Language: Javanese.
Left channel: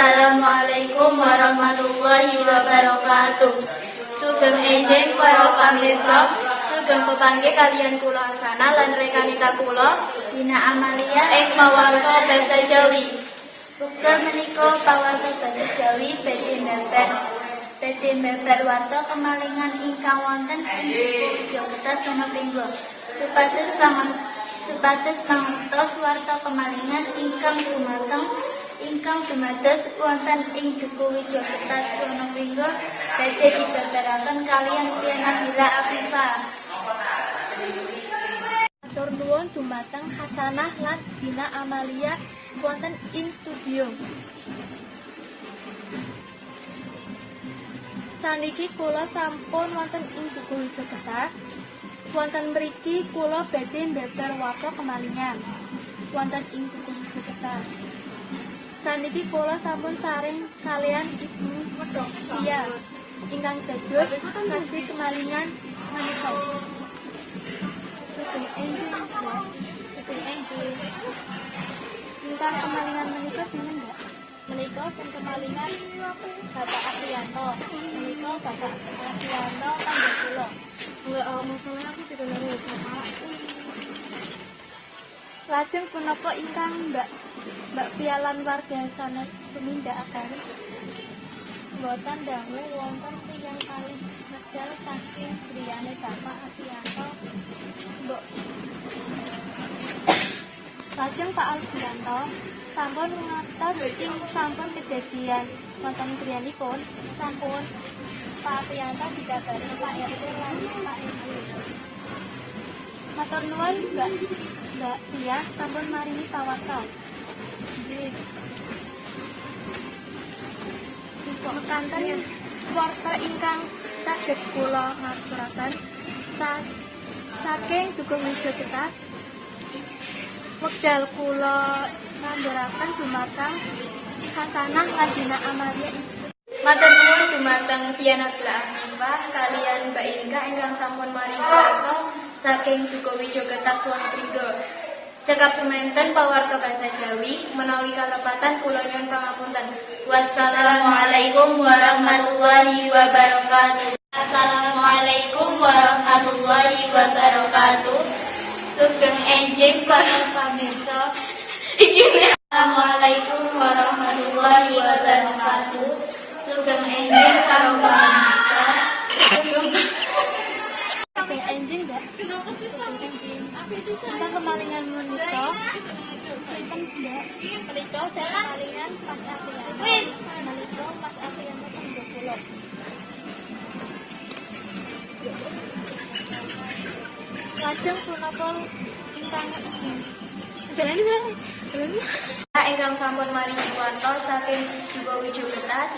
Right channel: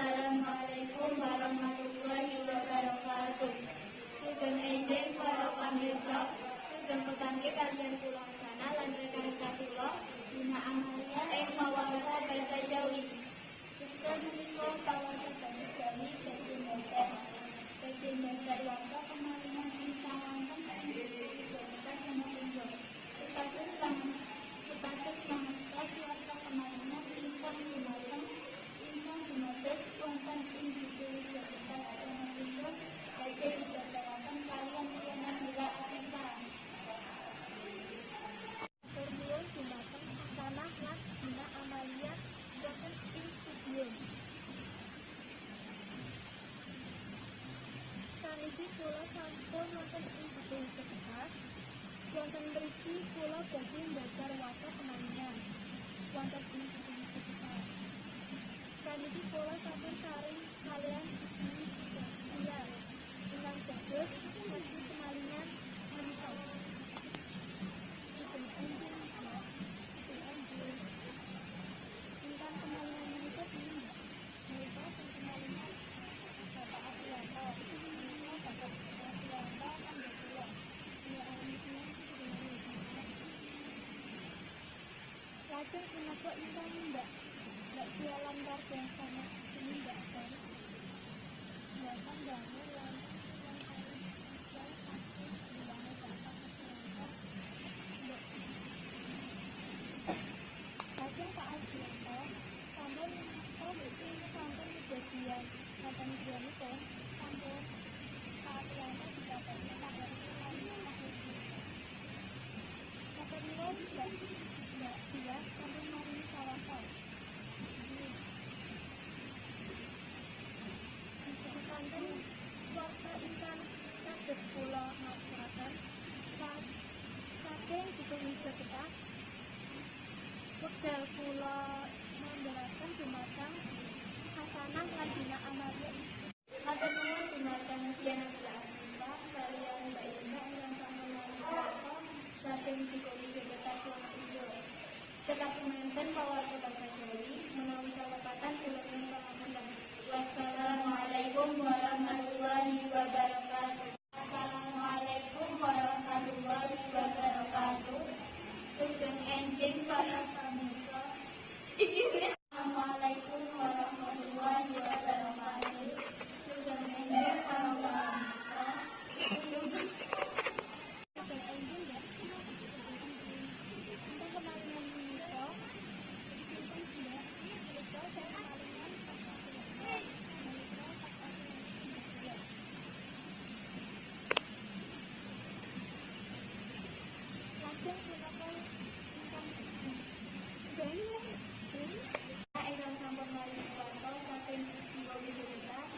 Assalamualaikum warahmatullahi wabarakatuh. Sugeng enjing para pamirsa, sugeng pepanggih kaliyan kula Hasanah lan rekanita kula Dina Amalia ing pawarta basa Jawi. Wekdal menika pawarta basa Jawi badhe mbeber warta kemalingan ingkang wonten ing Yogyakarta Sonopringgo. Supados mangertos warta kemalingan ingkang dumados wonten ing Duku Widyakertas Sonopringgo badhe dibabaraken kaliyan Tian Nabila Afifah. Matur nuwun dumateng Hasanah lan Dina Amalia wonten ing studio. Saniki kula sampun wonten ing Duku Widyakertas. Wonten mriki kula badhe mbeber warta kemalingan wonten ing Duku Widyakertas. Saniki kula sampun saring kalian Ibu Tia ingkang dados saksi kemalingan menika. Sugeng enjing, sugeng enjing. Ingkang kemalingan menika sinten, Mbak? Menika sing kemalingan Bapak Apriyanto. Menika Bapak Apriyanto tangga kula. Masalah aku tidak ngerti Bapak. Lajeng punapa ingkang Mbak pialan warga sanes tumindakaken? Mboten dangu wonten tiyang kalih medal saking griyane Bapak Apriyanto. Lajeng Pak Apriyanto sampun ngatos ing sampun kejadian wonten griyanipun sampun Pak Apriyanto dikabari Pak RT lan Pak RW. Matur nuwun Mbak Tia sampun maringi pawarta. Nggih. Mekanten warta ingkang saged kula ngaturaken saking Duku Widyakertas. Wekdal kula ngandharaken dumateng Hasanah lan Dina Amalia. Matur nuwun dumateng Tian Nabila Afifah kaliyan Mbak Inka ingkang sampun maringi warta saking Duku Widyakertas Sonopringgo. Cekap semanten pawarta basa Jawi menawi kalepatan kula nyuwun pangapunten. Wassalamualaikum warahmatullahi wabarakatuh. Assalamualaikum warahmatullahi wabarakatuh. Sugeng enjing para pamirsa. Assalamualaikum warahmatullahi wabarakatuh. Sugeng enjing para pamirsa. Sugeng enjing, Mbak. Kita kemalingan menika. Sinten, Mbak? Menika saya kemalingan Mas Apriyanto. Menika Mas Apriyanto tangga kula. Lajeng punapa ingkang ingkang sampun maringi warta saking Duku Widyakertas.